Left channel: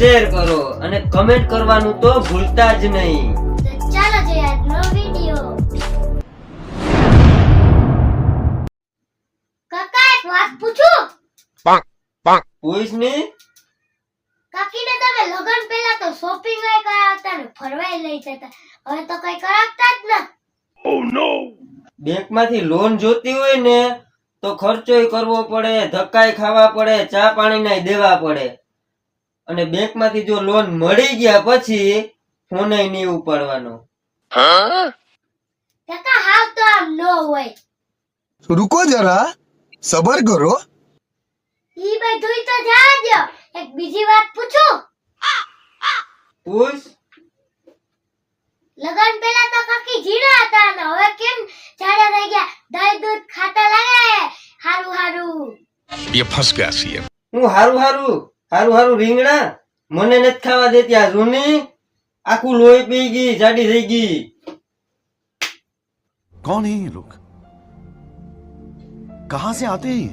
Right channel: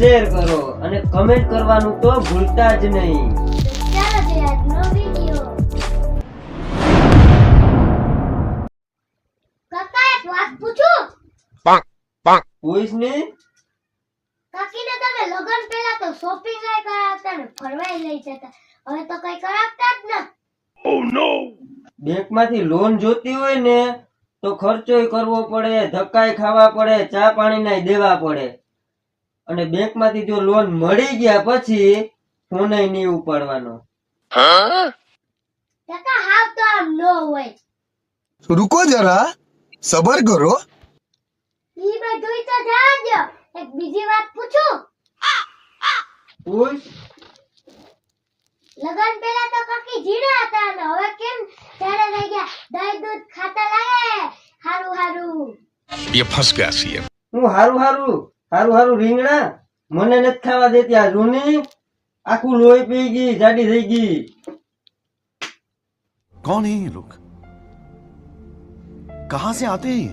Share કરો અને comment કરવાનું તો ભૂલતા જ નહીં. ચાલો જોઈએ આજનો વિડિયો કાકા એક વાત પૂછું. પૂછ ને? કાકીને તમે લગન પહેલા તો શોપિંગ લઈ ગયા હતા ને ફરવાય લઈ જતા હવે તો કઈ કરાવતા જ ન. બેંકમાંથી લોન જોતી હોય ને તો ખર્ચોય કરવો પડે ધક્કાય ખાવા પડે ચા પાણી નાય દેવા પડે. અને બેંકમાંથી જો લોન મળી ગયા પછી ફોન નહીં ઉપાડવાનો. રૂકો જરા સબર કરો. ઈ બધું તો જવા એક બીજી વાત પૂછું? પૂછ. લગન પહેલા તો કાકી જીણા હતા ને હવે કેમ જાડા રહી ગયા? દહીં દૂધ ખાતા લાગે હારું હારું. યે ફસ ગયા છીએ હું હારું હારું. હારું હારું, રીંગણા? મને નથી ખાવા દેતી આ જૂની. આખું લોહી પી ગઈ, જાડી થઈ ગઈ. કોણ હે લોક કહા સે આતે હે